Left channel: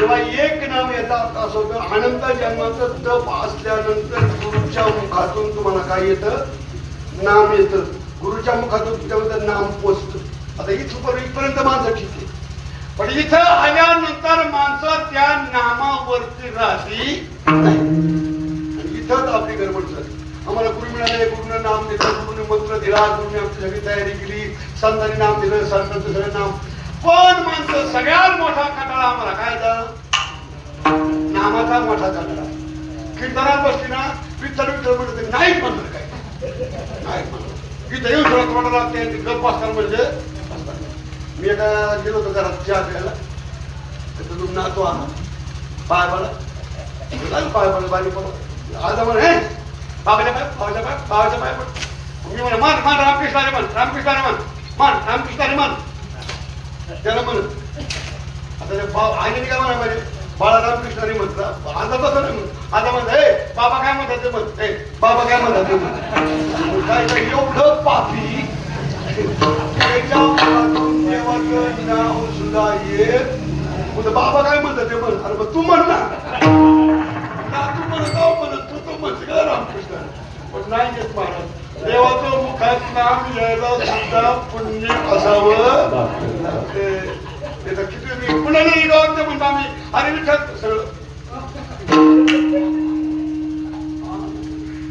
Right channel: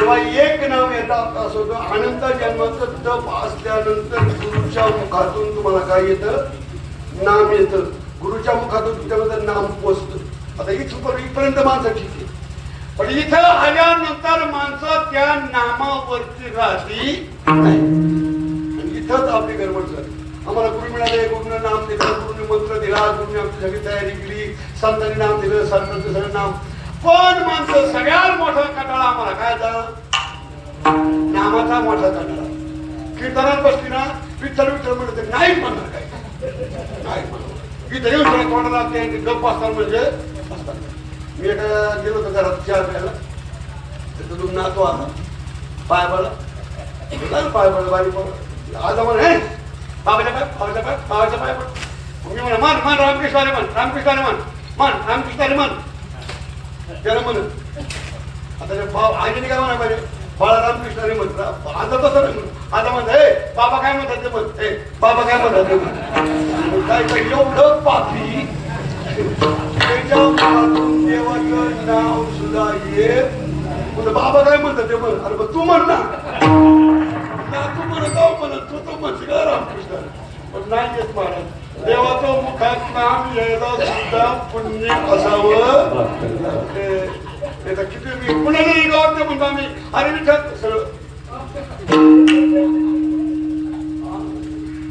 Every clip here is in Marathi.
तेव्हा एक नाम येतात असं होतं. अनंत जन्माचं तप असल्यानंतर गुरुच्या मुखातून तुम्हाला काय येतं? नाम येतं. गुरुच्या मुखातून तुझ्यामध्ये नाम पोचतं. आता इथपर्यंत माणसं ठीक आहे, पण इथं आल्यानंतर माणसं त्या नामावरती राहती नाही. इथंच आपली गडबड झाली. आम्हाला गुरु मिळाले, गुरुनं नाम दिलं, गुरुने मंत्र दिला, गुरुने आमची सगळी तयारी केली, संतांनी नाम दिलं, संतांचं सगळं नाम. पण माणसं सगळ्यात मोठा कटाळा आम्हाला काय झाला? नामाचा मोठा कटाळा. कीर्तनात बसली ना, विठ्ठल विठ्ठल म्हणते नाही म्हणत, काय नाही म्हणत. इथं येऊन सगळं तोंडाला ते गप्प असणार म्हणजे. मी एका गेलो होतो घरात चहा प्यायला, तर तुम्ही नाचो आला पाय पडला, पाय पडला बारी पडला आलं म्हण, हे बाबाच्या पाय बाबाच्या पाय बाबाच्या पाय पड. मी म्हणा मान मान रामकृष्णाने म्हण, रामकृष्णाने म्हण, मान रामकृष्णाने म्हण. त्याला म्हण आता आईने काय म्हणा पाहिजे? बाळा रामकृष्णाने म्हणतात. आता तसं नाही म्हणत, आता म्हणत हे बाबा काय म्हणतात ते म्हण, हे बाबा काय म्हणतात ते काय एवढं पापी. देवाचं नाव सुद्धा येत बाबा काय म्हणतात ते म्हण. अरे तू म्हण ना, तू म्हणत म्हणत तू म्हणशील रामकृष्ण, पण नाही येत महाराज. देवाचं मुखात नाम यायला सुद्धा पुण्य असावं. किती पुण्याने गावात म्हणतो आम्ही, अरे विठ्ठल सगळं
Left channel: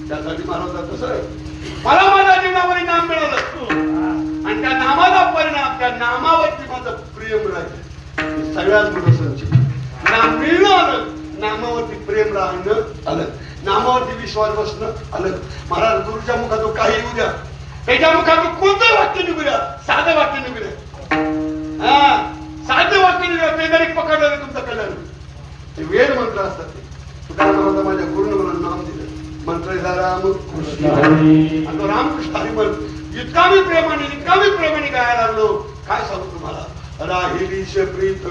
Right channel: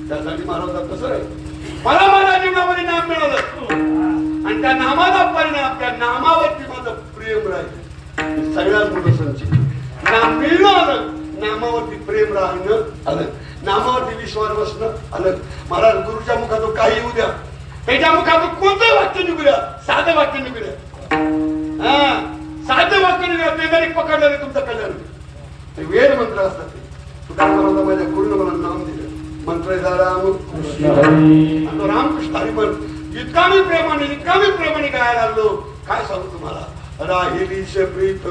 त्यासाठी मला कसं आहे, मला माझ्या जीवनामध्ये नाम मिळालं आणि त्या नामाचा परिणाम, त्या नामावरती माझं प्रेम राहिलं. सगळ्यात मोठं संचित नाम मिळणं आलं, नामावरती प्रेम राहणं आलं, नामावरती विश्वास बसणं आलं. महाराज गुरुच्या मुखातून काही येऊ द्या, त्याच्या मुखातून कोणतं वाक्य निघू द्या, साधं वाक्य निघू द्या, हा साधं वाक्य निघू द्या, ते जरी पकडलं तुमचं कल्याण. ते वेद मंत्र असतात. तुला म्हणता माझ्या गुरुनं मला नाम दिलं, मंत्र रामकृष्ण हरी म्हण. इतका मी प्रेमाने गायला लागलो, काय सांगू तुम्हाला. राहिलीश प्रीत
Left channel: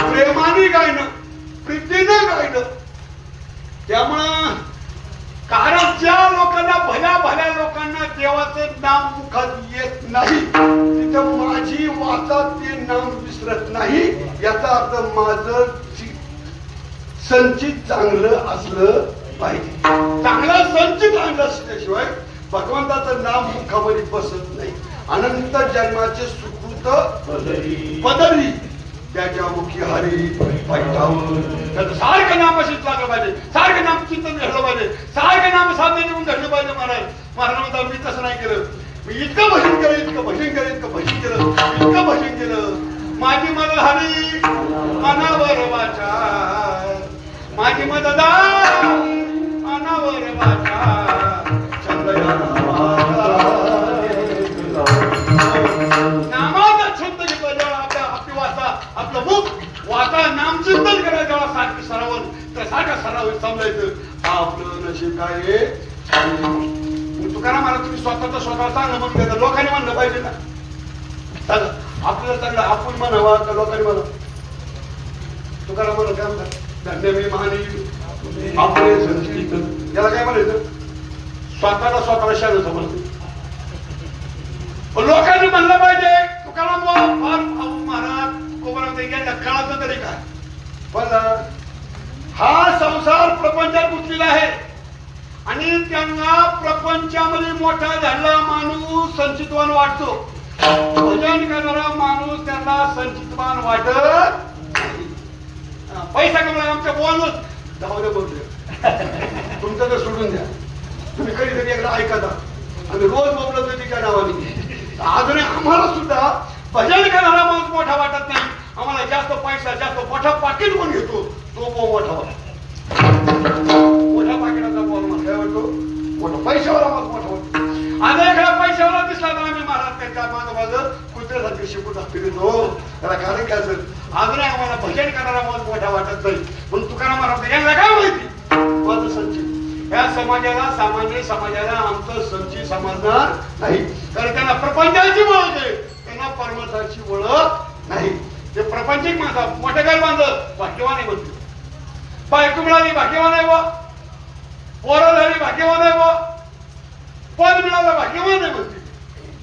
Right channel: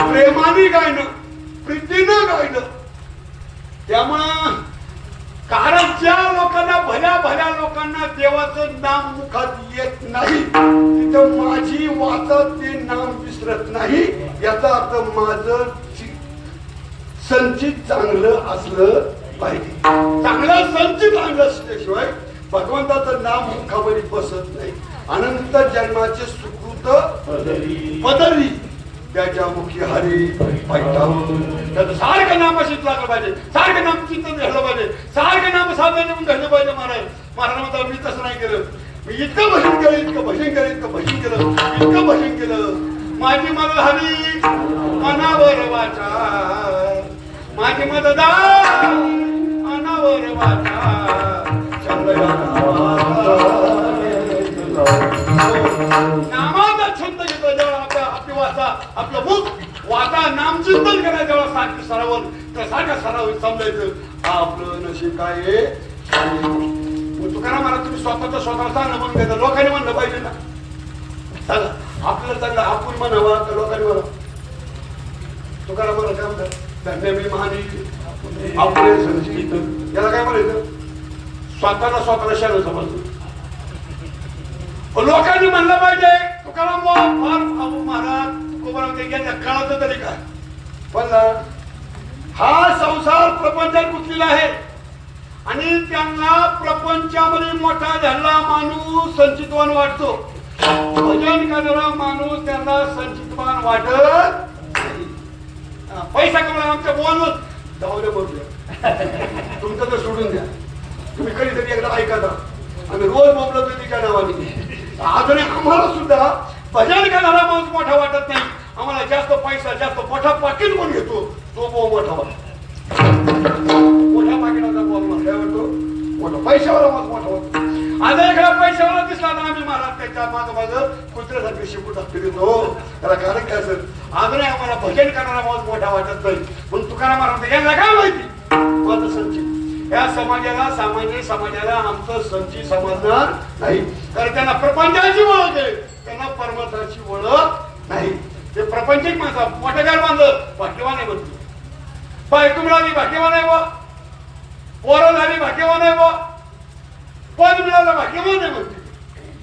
प्रेमाने गायनं, प्रीतीनं गायलं. त्यामुळं कारण ज्या लोकांना भल्या लोकांना देवाचं नाम मुखात येत नाही, तिथं माझी वाचात ते नाम विसरत नाही. याचा अर्थ माझं संचित चांगलं असलं पाहिजे. चांगला संचित आणलं असल्याशिवाय भगवंताचं नाम मुखामध्ये बसत नाही. अनंत जन्माचे सुकृत पदरी त्याच्या मुखी हरी पाहिजे. त्याचं सारखं नाम अशीच लागलं पाहिजे, सारखं नाम चिंतन घडलं पाहिजे, सारखं नाम साधन घेऊन घडलं पाहिजे. महाराज मी तसं नाही केलं. मी इतकं भजन केलं, इतकं भजन केलं, इतकं भजन केलं, इतकं भजन केलं. माझी मदत हवी अनावर वाचा, माझी मदत अनावर वाचा. नामाचा छंद घेतो जेव्हा आपली वाचा, आपलं मुख वाचा नामचिंतन करायचं जेव्हा सारखं सरावून त्या सारखं सरावून समजायचं आपलं नशीब काय. तुकाराम महाराज तुम्ही स्वतःला सांगणं म्हणून घेता, लोकांनी म्हणलं पाहिजे ना. सांगा आपल्याला चांगलं आपण म्हणावा का लोकांनी म्हणा. तुकाराम महाराज काय म्हणतात, धन्य मी मानी आपले संस्कृत. याला काय म्हणायचं, स्वतःला शरण समजतो. लोकांनी म्हणलं पाहिजे तुकाराम महाराज कळत तरी काय. पण हा संसार प्रपंचात गुंतलेला आहे आणि त्यांना प्रपंचामध्ये मोठा झालेला माणूस संचितवान वाटतो. भजन करणारा माणूस त्यांना संचितवान वाटत. पैसा कमवला आमच्या बोलून जाऊ दे बोलतो, तुमचं तर सोडून द्या. तुम्ही कधीतरी एकदा ऐका ना, आम्ही रोज बोललो तिच्या नावाने. अजूनही आम्हाला सुद्धा भजन करणारा माणूस मोठा वाटत नाही. आम्हाला जास्त पैसा, जास्त मोठा पाकिट कोण घेतो तो मोठा वाटतो. मोठ्या पाकिटाचा बोल काय वाटतो, मोठा पैशावाला माणूस मोठा वाटतो. आता एखादा पैशावाला दिसला तर आम्ही महाराज त्यांच्या माझं कुत्र्यासारखे शिकून टाकतो. त्याला कारण काय असेल, अजूनही आम्हाला भजन करणारा माणूस मोठा वाटत नाही. म्हणून तुकाराम महाराज यांना काय माहिती माझं संचित. या समाजाला, सामान्य समाजाला आमचं संचित समजणार नाही. कारण त्यांना प्रपंचाची ओळख आहे, त्यांना परमार्थाची ओळख नाही. ते प्रपंचिक माणसा मोठ्या घर बांधलं भाग्यवान आहे म्हणतो, बायको मिळाली भाग्यवान आहे वा, पोरं झाली भाग्यवान आहे वा, पद मिळालं भाग्यवान आहे म्हणते.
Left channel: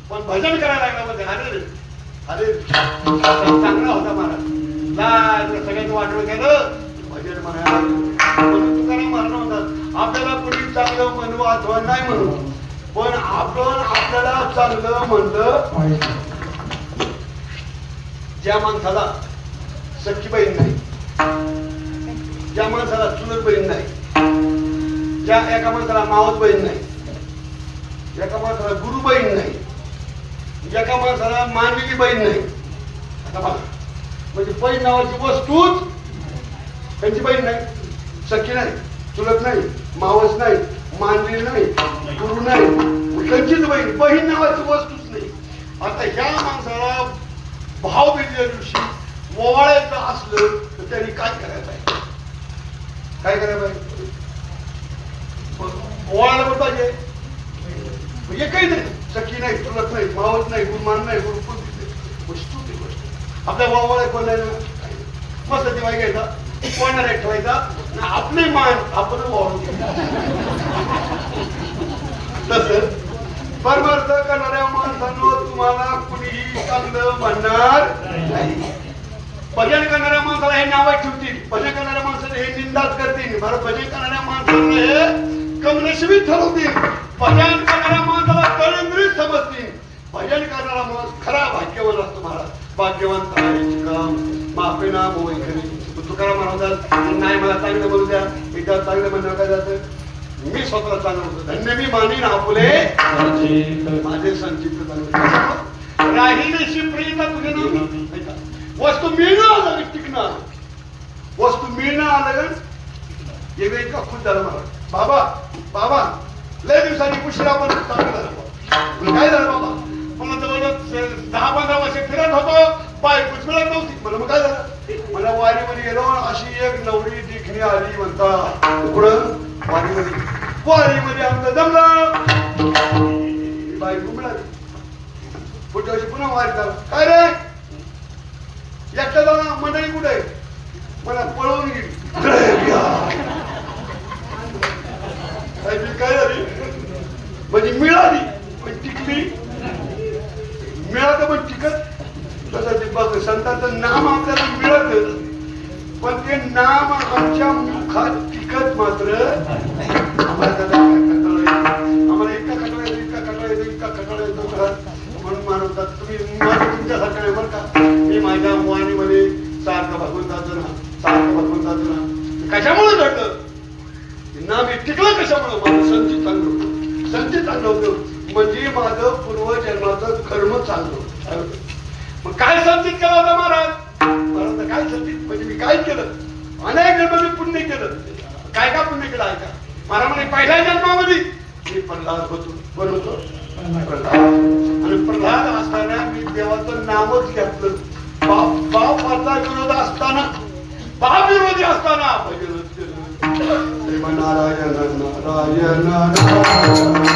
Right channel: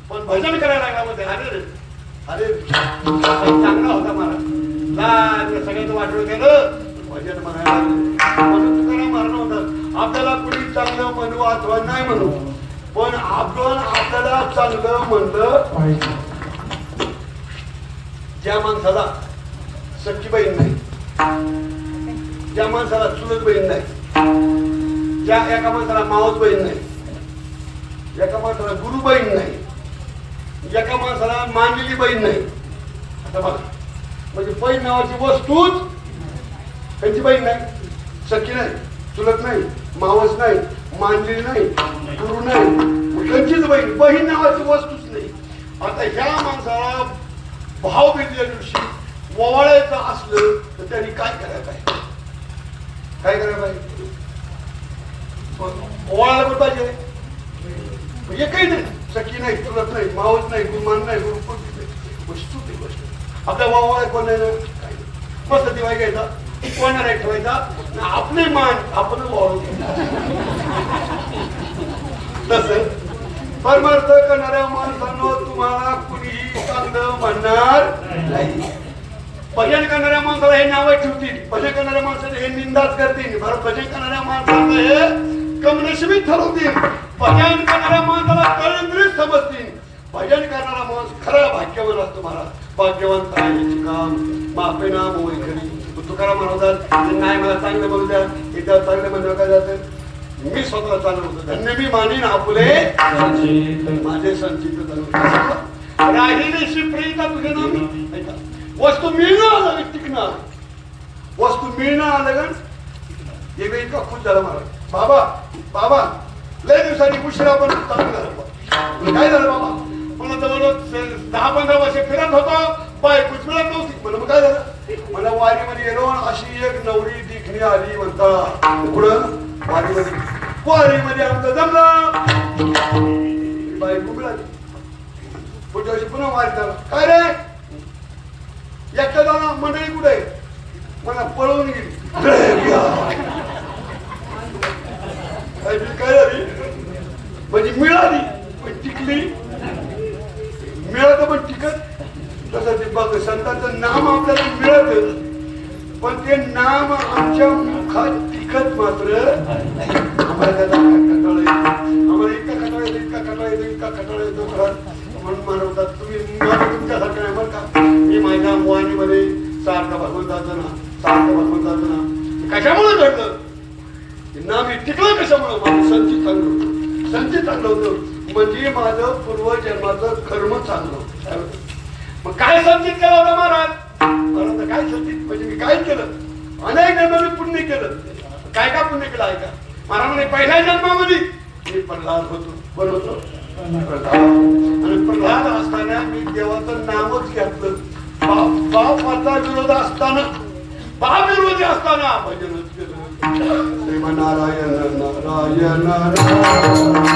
पण भजन करायला लागला म्हणते, अरे अरे चांगला होता महाराज, सगळ्यांनी वाटलं गेलं भजन म्हणायला म्हणून तुकाराम मारणं म्हणतात आपल्याला कुणी चांगलं म्हणू अथवा नाही म्हणू पण आपण आपल्याला चांगलं म्हणलं. ज्या माणसाला सख्खी बहीण नाही, ज्या माणसाला चुलत बहीण नाही, ज्या एका माणसाला मावस बहीण नाही, एका माणसाला गुरु बहीण नाही, एका माणसाला मानलेली बहीण नाही, म्हणजे बहीण नावाची वस्तूच त्यांची बहीण नाही, सख्खी नाही, चुलत नाही, मावस नाही, मानलेली नाही, गुरु नाही, त्यांचीच बहीण, बहीण नावाची वस्तूच नाही. आता ह्या माणसाला भावबीजेच्या दिवशी ओवाळायचं असलं तर त्यांनी काय करायला पाहिजे? काय करायला पाहिजे? ओवाळायला पण पाहिजे. एकही नाही, सखी नाही, चुलत नाही, मावस नाही, गुरुमान नाही, गुरुकुल वस्तू ती गोष्ट आपल्या भावाला कोण नाही मस्त दिवाळी घ्यायचा कोणाला ठेवायचा आपली मान आपण ओवाळतो. तसं परमार्थ करणाऱ्या माणसांवर तुम्हाला कुणीही चांगलं म्हणणार नाही. भजन करणाऱ्या माणसाला हे नाव ठेवतील, भजन करणाऱ्या माणसाला हे निंदाच करतील, बरं भजन करणाऱ्या माणसाला हे कमनशिबी ठरवतील, भजन करणाऱ्या माणसाला कळंदरीच समजतील. भजन करणारा माणूस खरा भाग्यवान असतो महाराज. भाग्यवान काम मापेना मोईकरी तुकाराम म्हणतात नाही मला चांगलं बोलू द्या एकदा चांगलं म्हणणं काय जातं मी स्वतः चांगलं बोलतो धन्य मी मानीन आपुले माझे संचित राहिलेशी प्रेरिता तुझे नाव वस्तू मिळणं आलं टिकणार वस्तू मिळणं आलं का एक इतका खुश झाला मला बाबा बाबा लय दिवसांनी उशिरा पण चांगलं झालं काय झालं बाबा मला जवळजवळ 10-15 वर्ष फिरत होतो बाय कुचमळत नव्हती मला मग काय झालं मला वारीमध्ये गेलो अशी एक नवरी दिखणी आली म्हणतात पुढं वारीमध्ये आमचं जमलं बाई मिळाली पुढच्या वर्षी पुन्हा वारी झाला काय रे एकटा जाणार मंडळी कुठे मला पळवून गेली काय झाली म्हणजे मिळाली पण टिकली मिळालं पण टिकत तसं ते बघ संतांचं नाम आपल्याला मिळालं पण ते नाम आमच्या मुखात टिकत मात्र आम्हाला इतका कटाळा येतो म्हणून मानवतात तुम्ही तुमच्यासारखं नाही बरं का मी माझ्या वाणीमध्ये सारखं भगवंताचं ना कशामुळे घडलं नाम हे टिकलं कशामुळे माझं संचित चांगलं होतं म्हणजे माझं पूर्वजन्माचं कर्म चांगलं होतं. मग काय संचित केलं होतं महाराज काय संचित म्हणजे मी काय केलं अनेक जन्माने पुण्य केलं काय का पुण्य केलं आहे का महाराज म्हणे पहिल्या जन्मामध्ये मी प्रल्हाद होतो कोण होतो आणि प्रल्हाद असताना मी देवाचं नावच घेतलं बापाचा विरोध असताना बाप विरोधी असताना भजनच केलं नारायण नारायण नारायण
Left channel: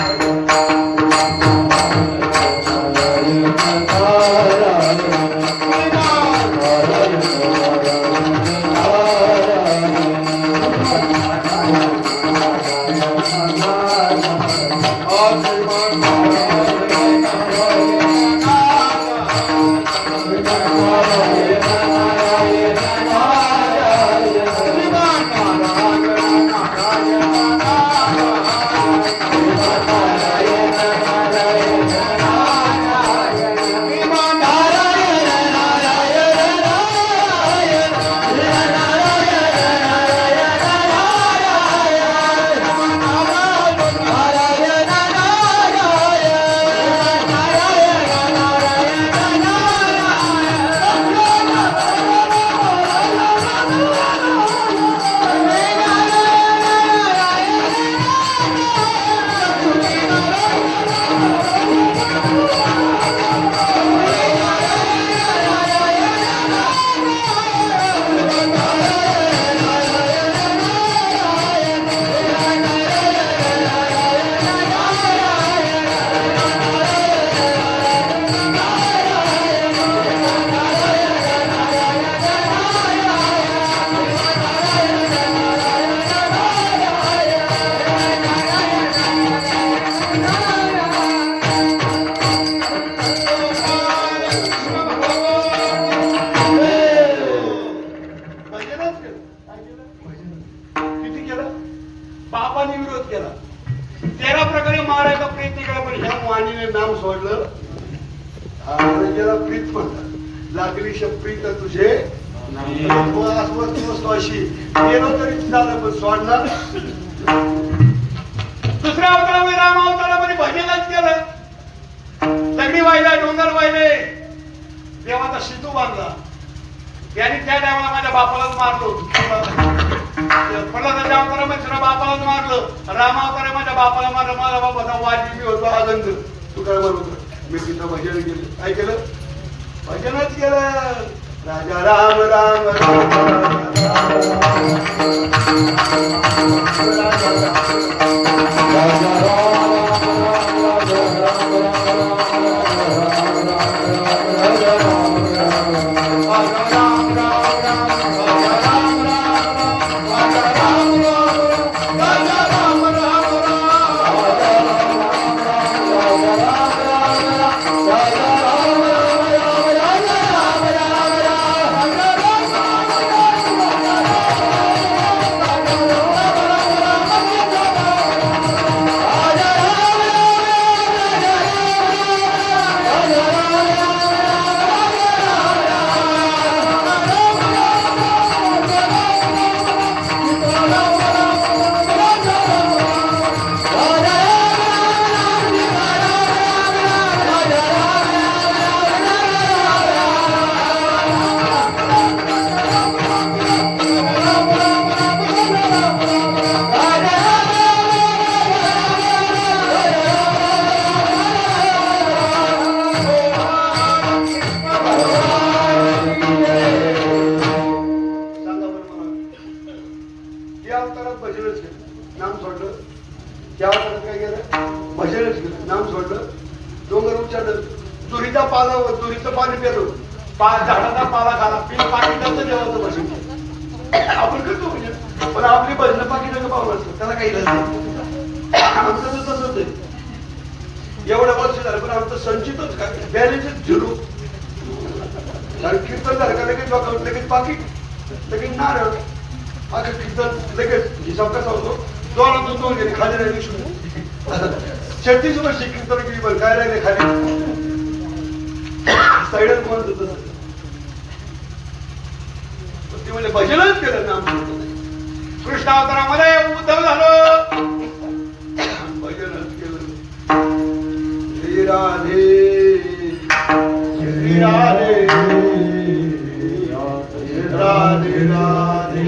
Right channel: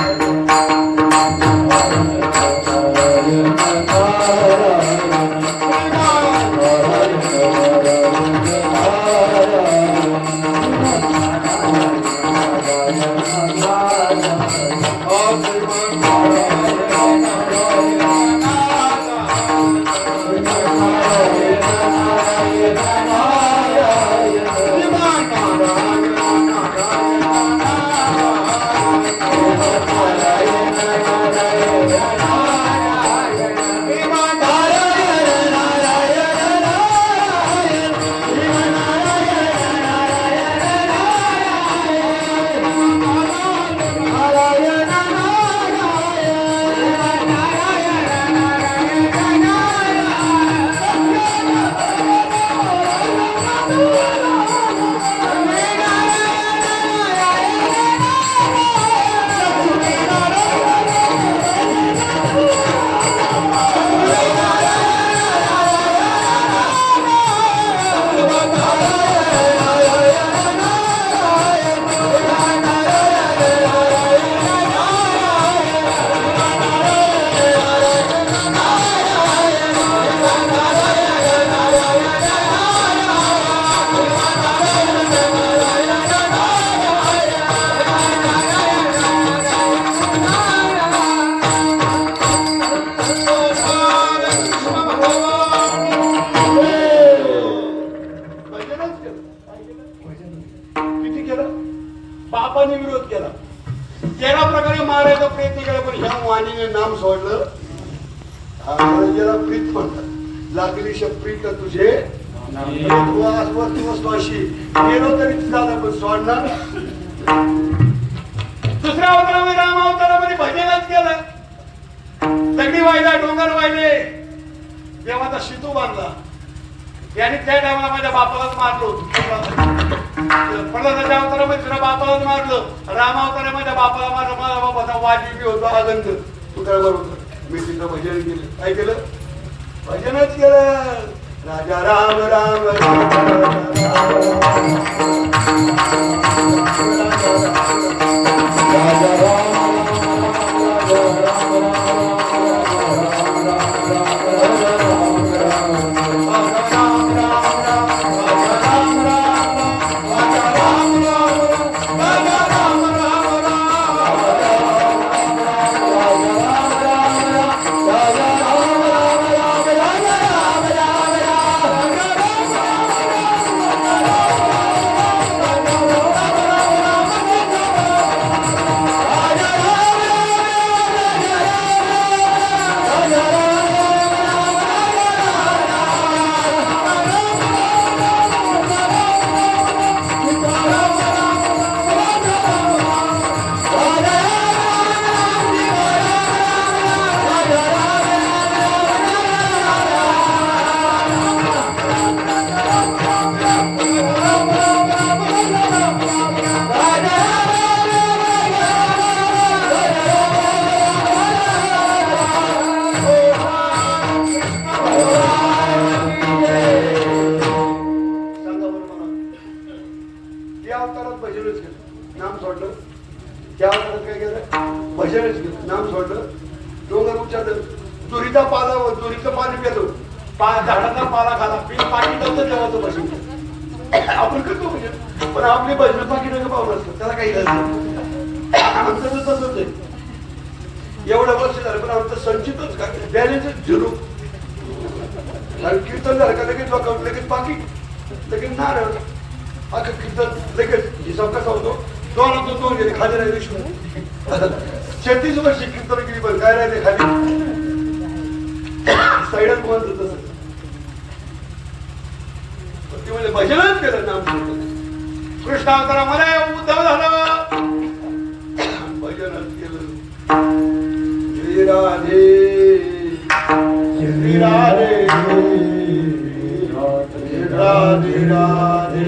Bye. सोडलं जरा प्रीत म्हणतात लागली शप्रीत तुझे वस्तू अशी गेलो तरी झालं पण सोडणार. दुसऱ्या अवतारामध्ये राम अवतारामध्ये भजनात केलं दगडी वाहिले डोंगर वाहिले देवाचा सिद्धू बांधला. याने त्या टायमाला माझ्या बापालाच मारलो प्रल्हादाच्या अवतारामध्ये तुझ्या बापालाच मारलं. राम अवतारा माझ्या बापाला मारलं. माझ्या बापाचा वादी मी होतो आनंद उदळवर होतो. मी तिथं भजन केलं. काय केलं? भजनच केलं. राजा राम राम झाडाचा पाला खाला पीक पाणी त्यांचं देवाचं भजन आपण करतो भजन. पण आपली भजन बाकी लोक पाहून असतं त्याला काही आमचं तसंच आहे. एवढं वर्ष झालं पण आमचं संचितच काय बॅलेन्सच झिरो. कीर्तन झालं का लगेच लगेच बाकी लगेच नारळ अगं कीर्तन लगेच हिसाब कसा होतो. दोन गेली खाली राहिले विष्णू 36 वर्ष कीर्तन केली पण काय राहिले खाली साईडच बंद होत. म्हणजे भजनच केलं नाम कृष्ण अवतारामध्ये उद्धव झालं भजनच केलं. श्री राधे श्री राधे राधे राधे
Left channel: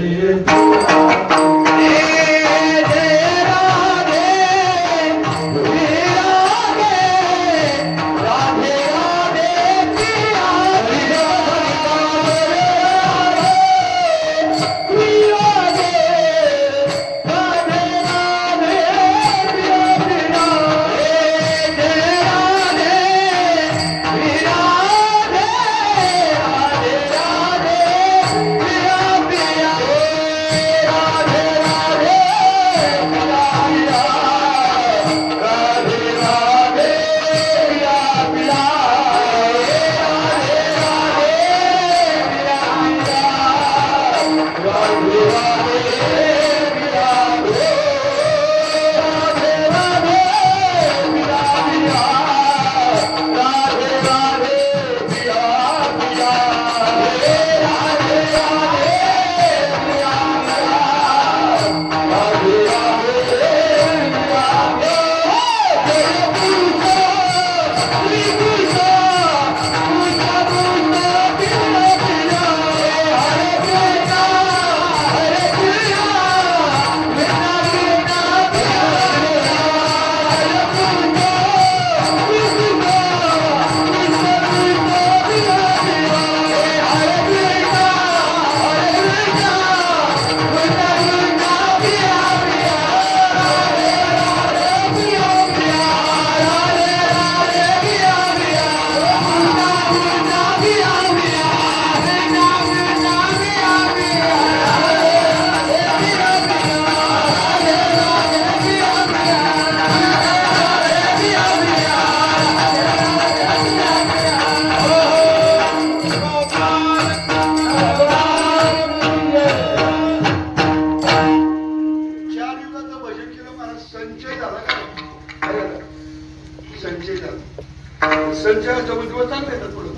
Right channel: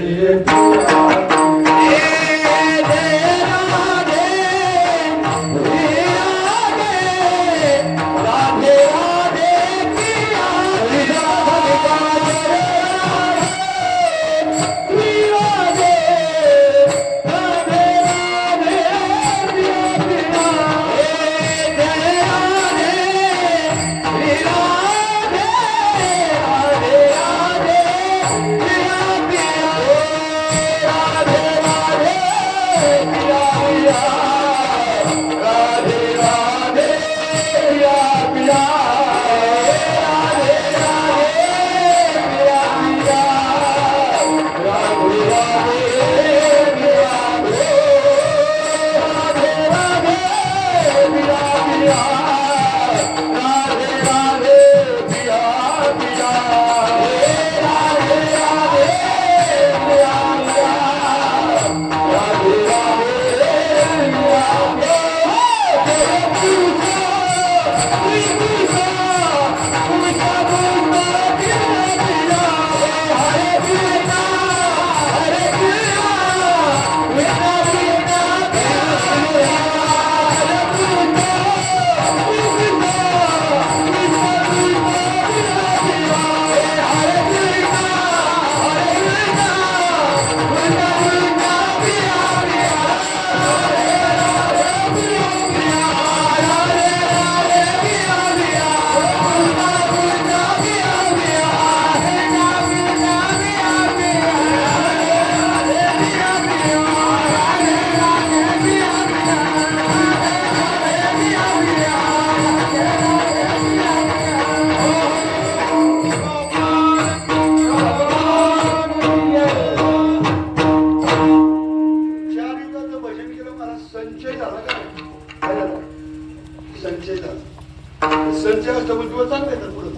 माणसांच्या दिवस चांगले येतात पुढे.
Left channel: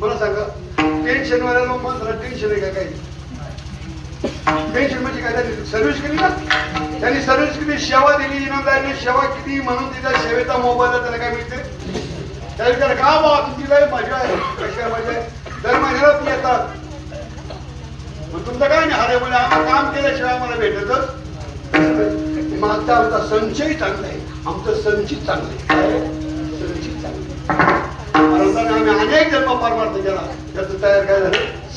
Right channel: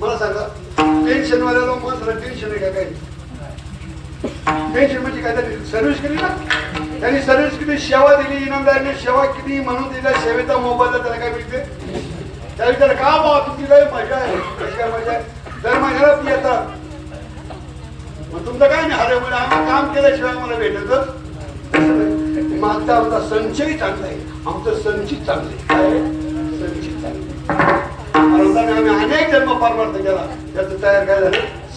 मला सांगा टेन्शन वाल्याला माणसाला टेन्शन आहे का काही? टेन्शन म्हणजे काय? सर्व्हिस केली ना त्यांनी, सर्व्हिस केली, सेवा दिली, इनामदारीने सेवा केली म्हणून तिला सेवेचा मोबाईलला त्याला काय मिळते? त्या विचार का बा तुमची काय मजा आहे, कशा मजा आहे? दर महिन्याला ती येतात. तुमचं काय नाही हरे म्हणजे आम्ही काम केल्याशिवाय मला भेटतच मागचा आमचा संचय चांगला आहे, आमचं संचित चांगलं आहे. संचित चांगलं आम्ही अनेक जन्म परमार्थ केला, त्याचं तयार काय झालं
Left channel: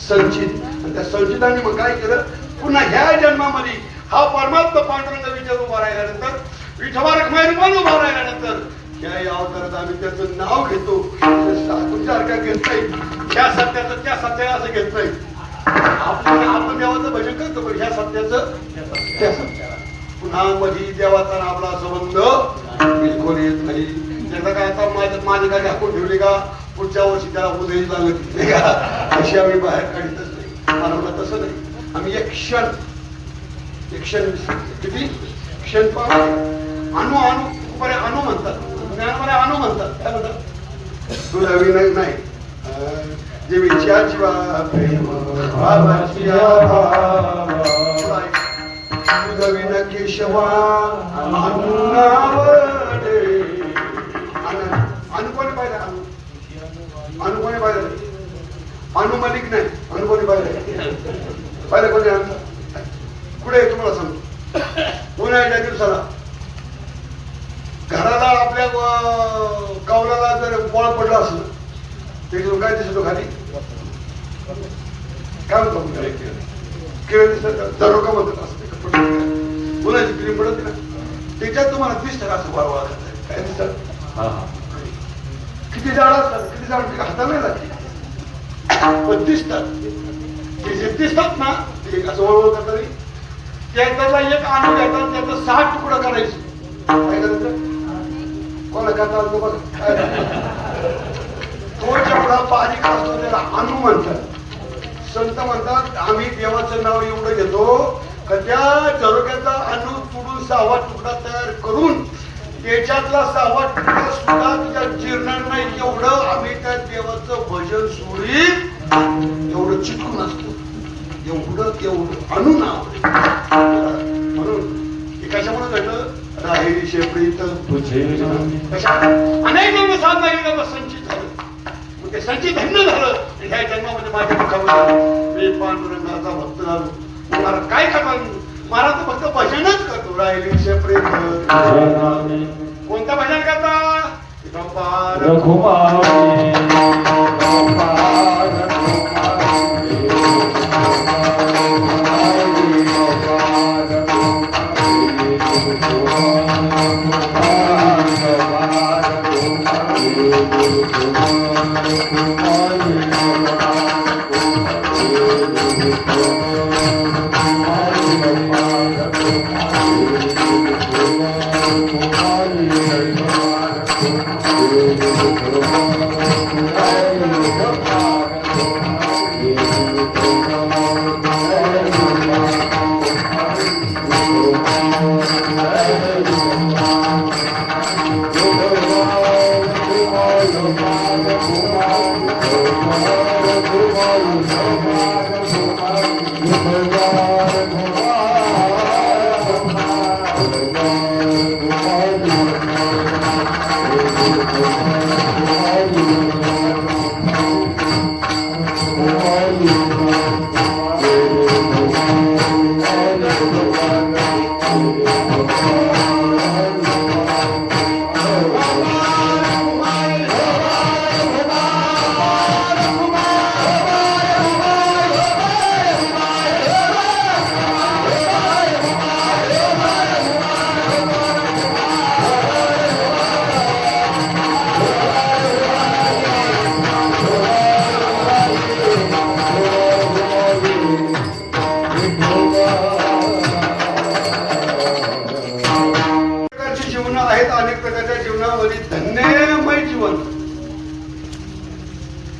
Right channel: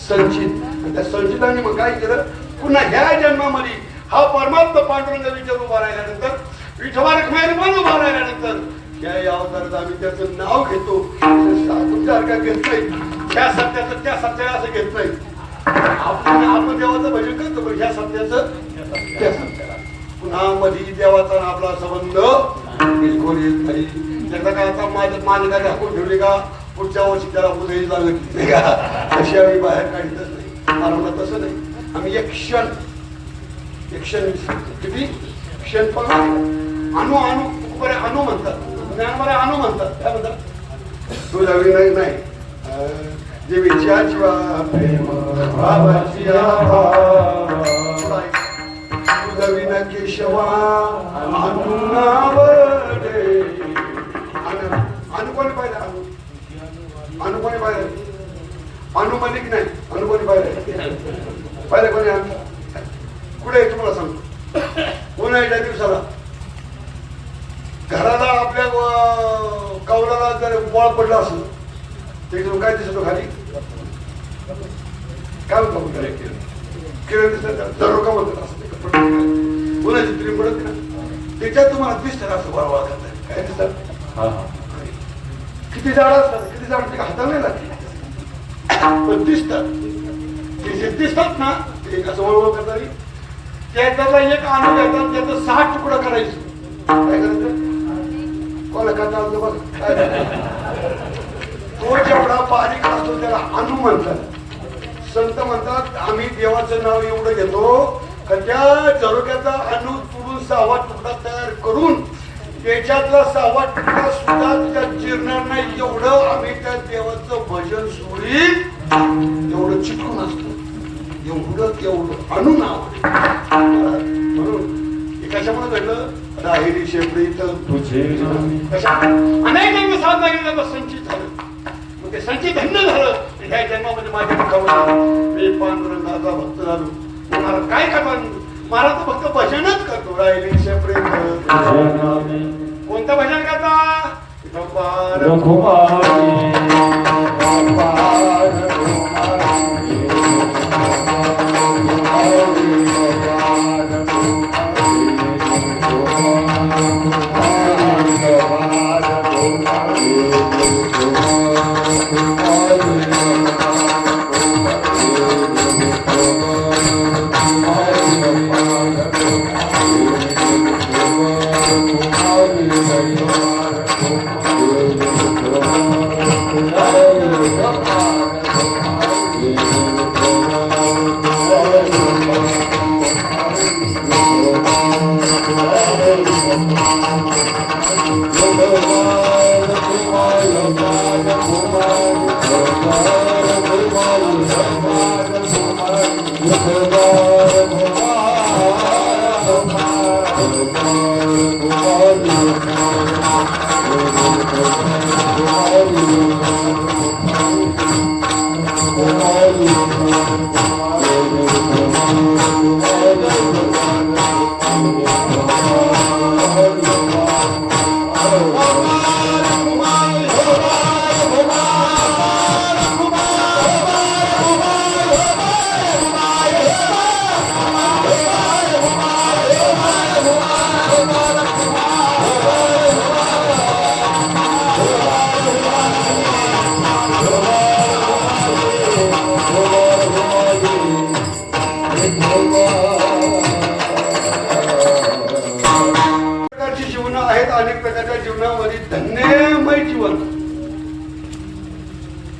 संचित. त्या संचिताने मग काय केलं, पुन्हा ह्या जन्मामध्ये हा परमात्मा पांडुरंग विचार उभा राहिल्यानंतर, विठोबा रखमाई पण उभा राहिल्यानंतर या अवतारात आम्ही त्याचं नाव घेतो. तुमच्यासारखा घेत नाही, त्या सत्याचं त्या सत्याला असं घेत नाही. आपण देवाचं भजन करतो पण ह्या सत्याचं त्या सत्याला. पुन्हा मध्ये देवाचा आपला संबंध बिलकुल येत नाही. त्याचा काय आता माझं काय दाखवून ठेवली का पुढच्या वर्षी त्याला उदय लागत नाही का, अशी आम्ही बाहेर काढतच नाही. मला तसं नाही. आम्ही एक क्षण किती क्षण पण अणु बरे अणु म्हणतात, बरे अणु म्हणतात. काय म्हणतात? तुला विनय नाही जे विचारची प्रेम विन केशवा अनुकोणी पाहिजे, अनुकोणी पाहिजे, अनुमलिक नाही, अनुकोणी पाहिजे पाहिजे कोणी आमचा कुठे आहे तुम्हाला सांगतो. उन्हाळ्याच्या दिवसाला घराला आपल्या कौलाला जर गोळा पडला असलं त्याच्यावर काय दिसतो खाली? काय म्हणतो किरण दिसत दरोका म्हणत असते. उन्हाची फिल्म पडत ना त्याच्यात तुम्हाला दिसतं का असं वाळवा काय दिसत? किती झाड असतात, किती झाड हाताला नाही लागते पण दिसतात. दिसतात ना ते असं वळवत तरी त्याला एक आणून घेतात, त्याचं 6 तुकडं करायचं. काय करायचं? कोणा करतात बघ तो जेवढा बारीक असतो त्याला अणू म्हणतात. संत म्हणतात आम्ही देवाचं नाव एवढं घेतो तर त्या झरोक्याचा अणू तोडून 6वा तुकडा तयार करून त्याच्यातला 6वा तुकडा सुद्धा तिच्या जिरणार नाही एवढं आम्ही त्या देवाचं भजन सोडी एवढं चिकून असतो. एवढं तेवढं अणू नाव म्हणून कशामुळे घडलं? राहिली शेपडी तर अनेक दिवस साधना केल्यावर संचित झालं. ते संचित धन्य झालं. ह्या जन्मामध्ये माझ्या मी पांडुरंगाचा भक्त झालो. तुम्हाला काय करणार? मला तर फक्त भजनच करतो. राहिली शेपडी कोणतं भजन करता?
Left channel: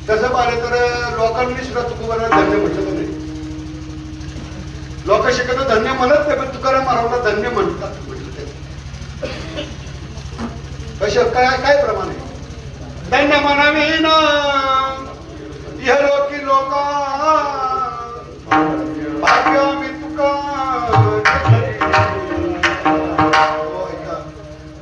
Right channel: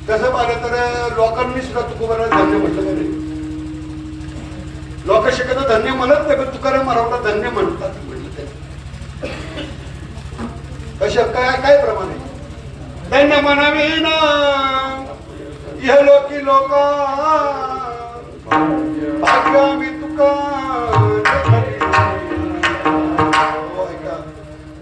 तसं पाहिलं तर लोकांनी सुद्धा तुकोबाला धन्य म्हटलं नाही. लोक शक्यतो धन्य म्हणत नाही पण तुकाराम महाराजांना धन्य म्हणतात. कशा काय काय प्रमाणे धन्य म्हणावीन इहलोकी लोका भाग्य मी तुका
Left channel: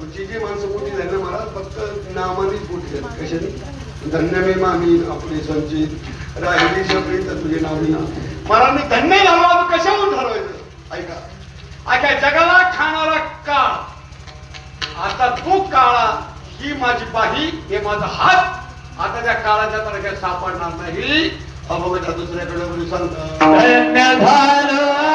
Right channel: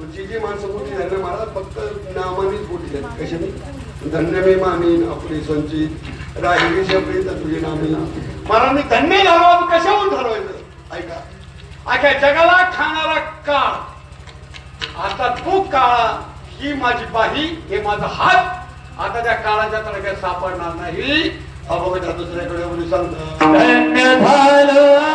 जी माणसं मोठी झाली महाराज फक्त नामानेच मोठी झाली कशाने धन्य मी मामी आपली संचित राहिली शपरी तुझे नामी महाराज धन्य झालो कशाहून ठरवायचं ऐका ऐका जगाला खाणारा काळ आता तू काळा ही माझी बाही हे माझा हात आता त्या काळाच्या तडक्यात सापडणार नाही अभोगाच्या दुसऱ्याकडे मी सांगतो धन्य झालं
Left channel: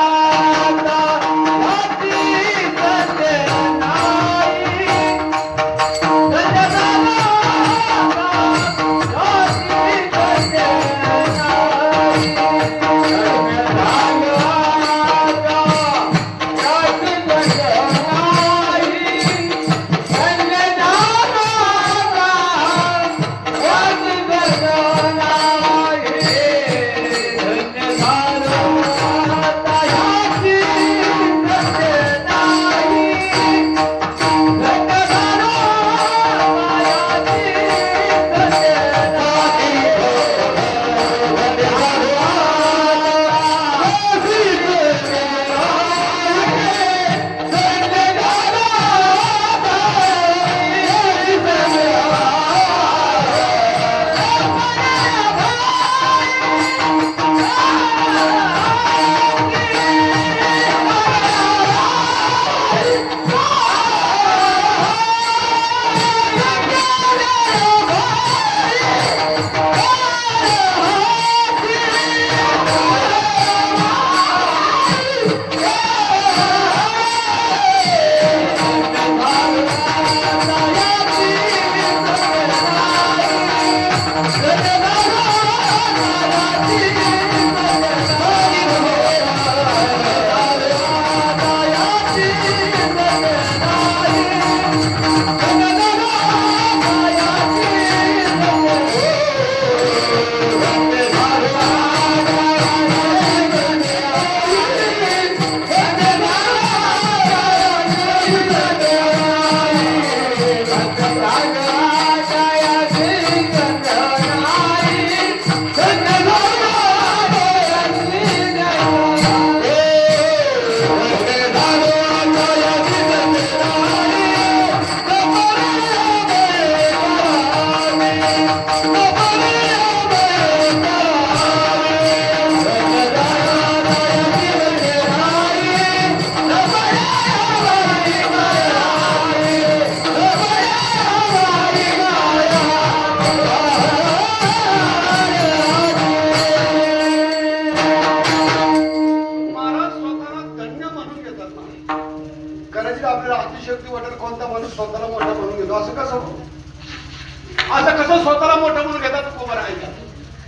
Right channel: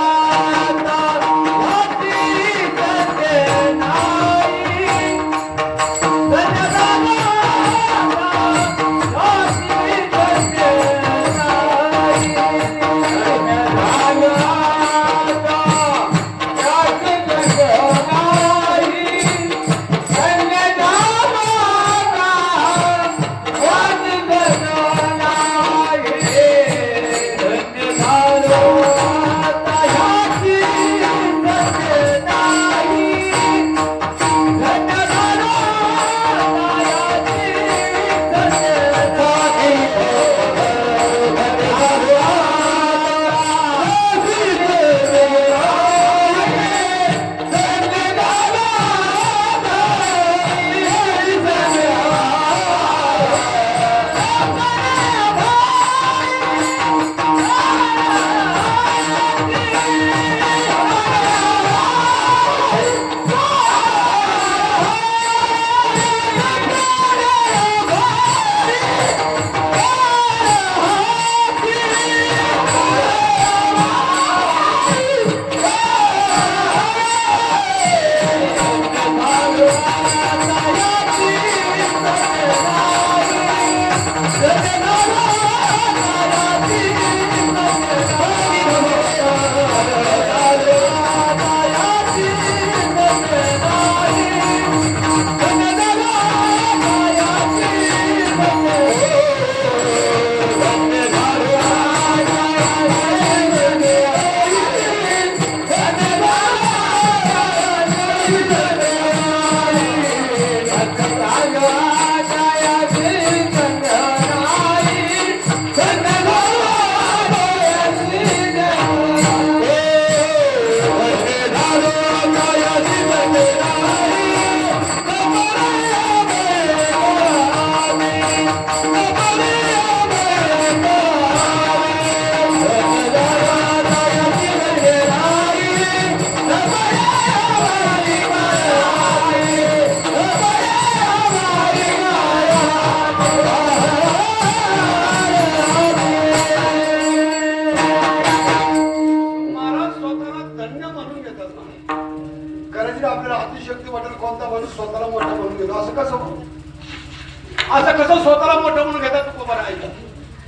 असं कसं स्वतःला मोठं म्हणून घेतात तुम्ही बरं ऐका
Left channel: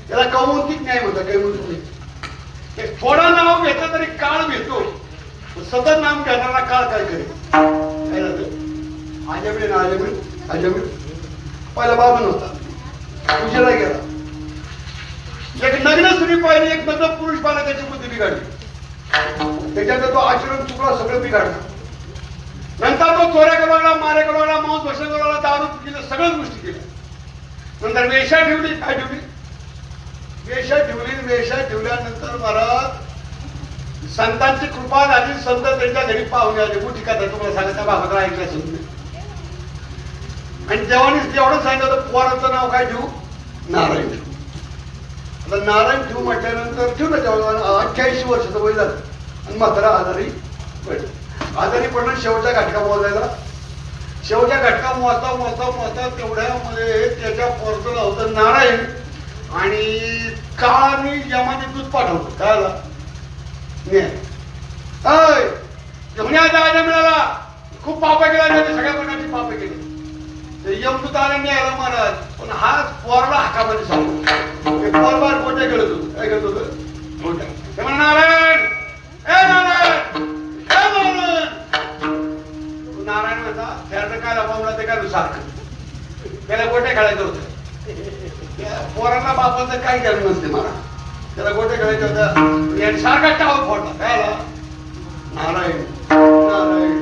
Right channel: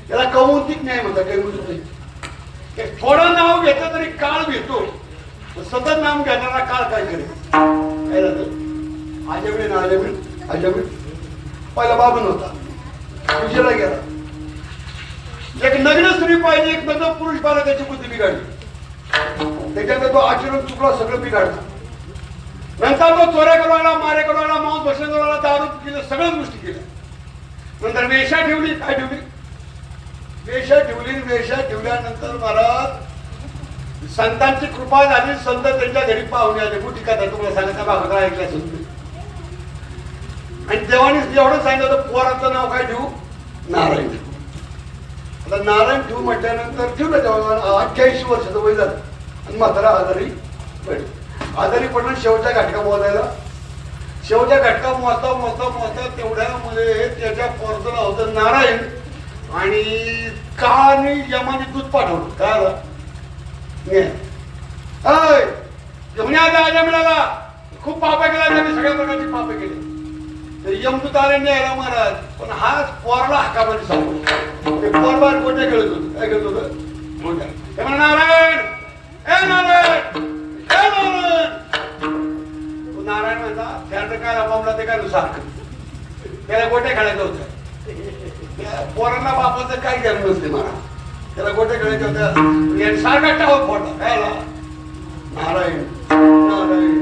त्याला कौमुंतिक न्याय म्हणतात काही म्हणून थोडं नाव घेतलं तरी काळ घेतो सतत नाम घेणारा काळ काय करेल काय झालं आजमिळे ना आजमिळ पहिला बाबा नव्हता विजयला गेला एक नग्न स्त्री पाहिजे एक नग्न पुरुष पाहिला त्याची बुद्धी बिघाडली त्याच्यानंतर तो आचरण चुकला सगळं बिघाडलं नंतर तो चोऱ्या करवायला मारे करवायला मांस भक्षण करवायला दारू केलं सगळ्याच गोष्टी केल्या नंतर वेशा ठेवली काय ठेवली वेशा ठेवल्यानंतर महाराज संतांची कृपा झाली संत त्यांच्या घरी पाहुणे आले मोठी कथा तुम्हाला सांगायचा भागवत ऐकल्या असेल आणि देवाने जेवढं सांगितलं पोराचं नाव काय ठेवू नारायण आता नारायण ठेवू म्हटल्यानंतर ठेवलं तेव्हा 88 वर्षाचं वय झालं आणि म्हातारा आजारी पडलं शेवटच्या घटका मोजायला शेवटच्या घटका मोजता तेवढ्यामध्ये त्याच्या पोरचं नाव होतं नारायण आणि काळाने यमाने दूध पाठवलं काय आला घेऊन आजा मिळाला खूप पापे केला सगळ्या प्रकारची पापे केली यमदूत आले न्यायला महाराज पण हा पोरला हाकामध्ये सांगतो ते पोरबार कोठे गेलं होतं काय करत होतं मोठ्या ते म्हणा नारायण ए नारायण नारायण म्हणता त्यानं काय लावला ते काय सारखं त्याला गोटे खेळायचं होतं पोरांना बापाचं काही ज्ञान नसते मला त्याला गोटे खेळायचं होतं सारखा टावर फोडला काय नारायण नारायण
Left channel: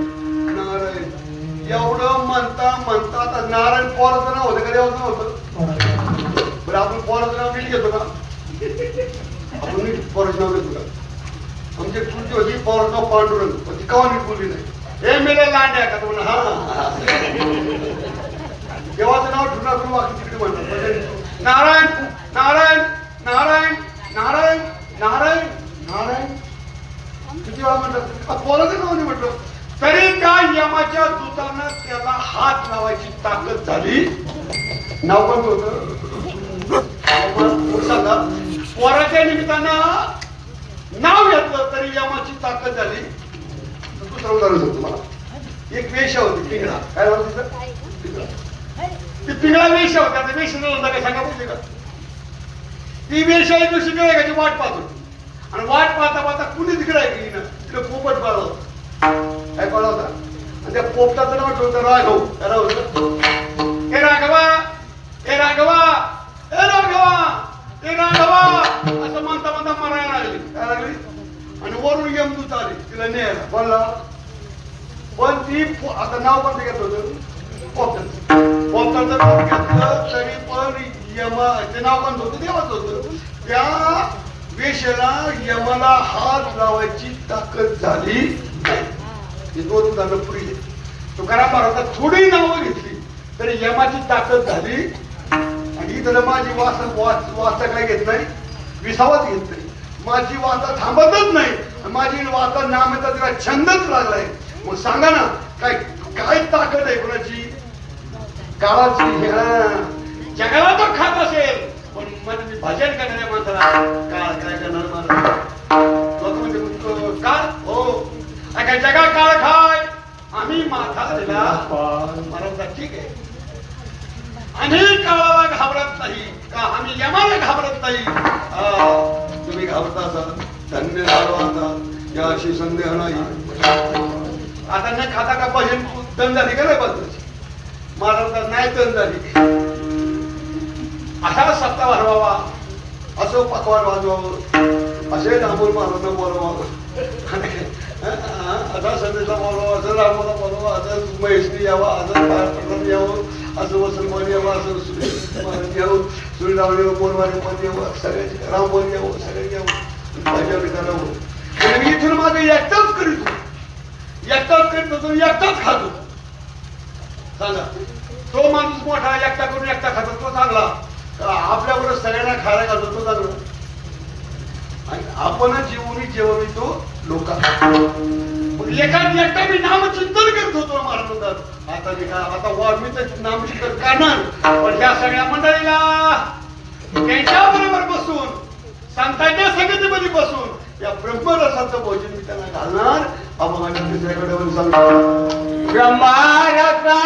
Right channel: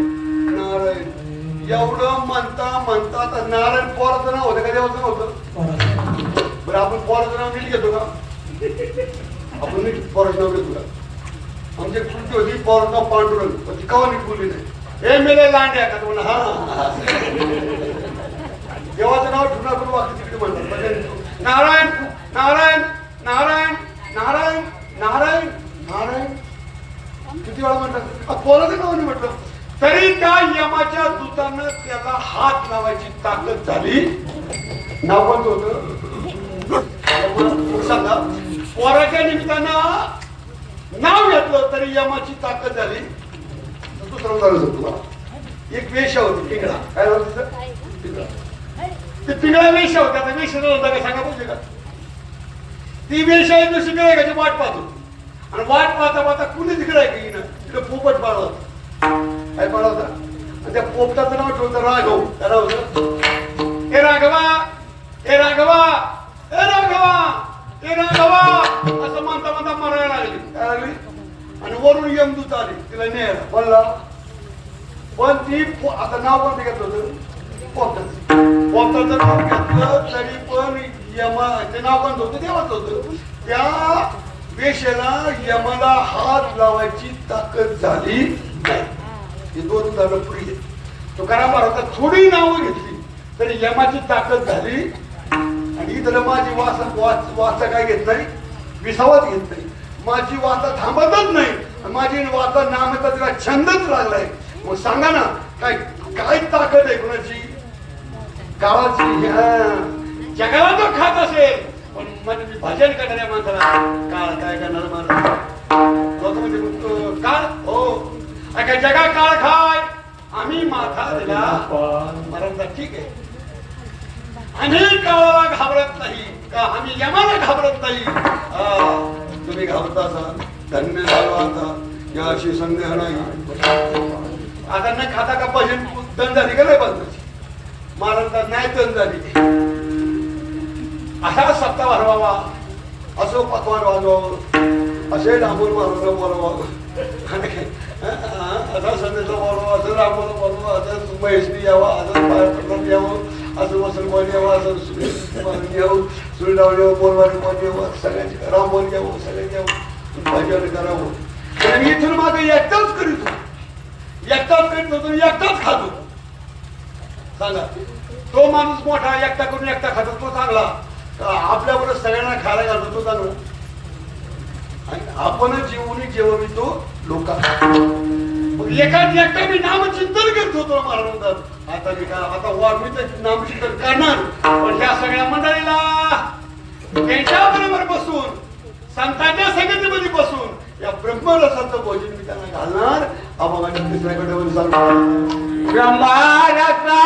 नारायण एवढं म्हणता तर नारायण पोराचं नाव होतं का देवाचं होतं देवाचं नाव घेतो का आमची चुकी होती पोराचा पांडुरंग पण ती कवा बोलली नाही हे मेले लांड्या का तुम्हाला हा देवाचं नाव ठुला करून वाक्य तिकडे म्हणतात म्हणजे नारायण नारायण नारायण नारायण नारायण नारायण किती वेळा म्हणतात पोराचं नाव नाही म्हटलं तरी त्या यमाच्या दूतानं त्याला हात लावायची ताकद झाली नाव कोणतं होतं सांगा पोराच्या निमित्तानं नाव घेतलं तरी यमाची ताकद झाली दुसरं उदाहरण होतं मला एक वेश्या होती पिंगळा काय होतं ते पिंगळा वेश्या होत्या त्या वेश्या होता काय सांगा पाहिजे का ती वेश्या एक दिवशी गिळायची वाट पाहतो आणि वाट पाहता पाहता कुणी तिकडे गेली ना तिकडे पोपट पाळला होता काय पाळला होता आणि त्या पोपटाचं नाव ठेवतं राघव त्याला होतं हे राघवा हे राघवा हे राघवा हे राघवा असं म्हणता म्हणता मरायला लागली काय लागली आणि वरून यमदूत आली तिला न्यायला बोलला पण ती आता नाव पण घेत होतं पोपटाचं नाव घेतलं तरी पण यमा ते नाव पण होतं देवाच होतं त्या वेश्याला यमाला हात लावायची ताकद झाली नाही हे दोन उदाहरणं पुढे तुकाराम महाराजांनी थोडी नावं घेतली तरी यमाची ताकद झाली आणि त्याला माझी वाचा काय घेत नाही विसावाच घेत नाही माझी वाचा थांबतच नाही माझी वाचा नाम येतं तिला छंदच लागलाय मग सांगा ना काय काय ताकद आहे कोणाची काळाची जगाला तो खात असेल पण म्हणजे भजन करणाऱ्या माणसाला काळ काय करणार मला लोक म्हणजे काळ हो काय जगा काळ खाय आम्ही माथा दिला मला ठीक आहे आम्ही काळाला घाबरत नाही का आम्ही यमाला घाबरत नाही तुम्ही घाबरता असाल धन्य झालो आता याशी संदेह नाही आता न खाता का भजन दम झाली का नाही बदलायची महाराज नाही दम झाली असा सप्ताह वाढवावा असो पकवान वाजवावं असे रामोर महाराज बोलावं आता संदेशा बोलावा असं रामोला बोलावा असं महेशनी यावा असं प्रसाद यावं असं वसंतमान यावं असं यावं सुरडावण यावं बोलवाने बोल यावं सगळ्यांची राम बोल यावं सगळ्यांनी यावं भजन करावं आणि इथून माझं एकटाच करीत एकटाच करीत होतो एकटाच खातो सांगा तो माणूस मोठा एकटा करून एकटा खातो तो चांगला आपल्याकडे सगळ्यांना खायला घालतो तो चांगला आणि आपण जेवणी जेवण तो लोक एका एकटा मी नामचिंतन करत होतो महाराज आता मी काय आता वाढ मी तर नामचिंतन करणार पण ह्या सगळ्या मंडळीला त्यांच्या बरोबर बसून संतांच्या संगतीमध्ये बसून या ब्रह्मरसाचं भोजन मी त्यांना घालणार अभंगाच्या दुसऱ्याकडे सांगतो ब्रह्मरसा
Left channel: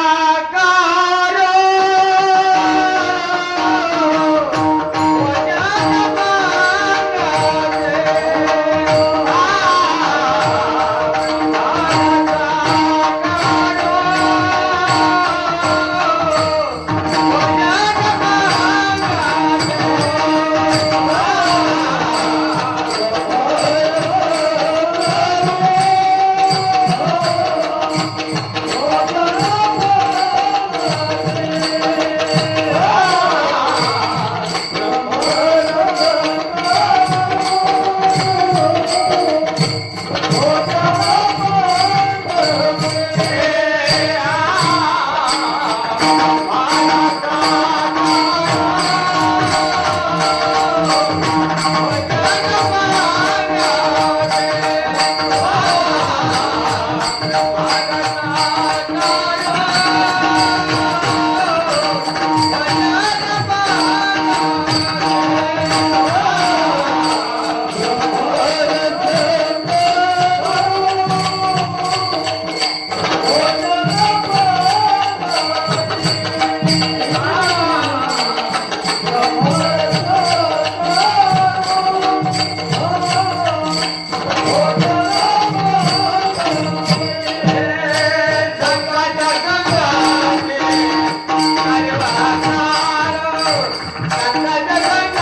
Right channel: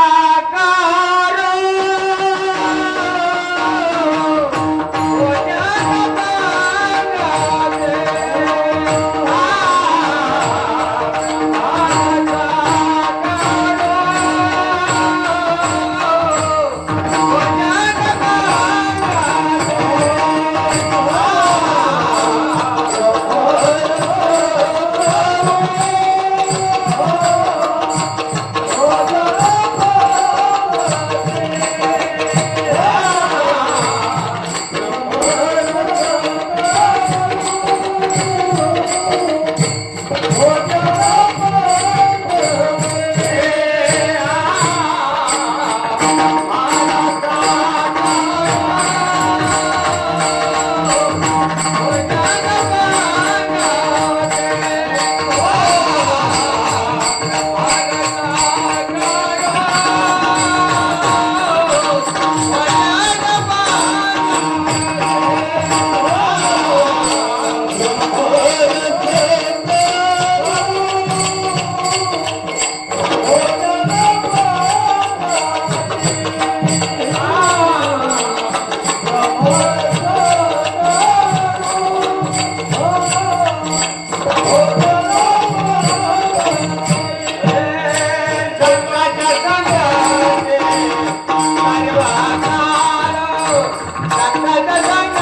Bye.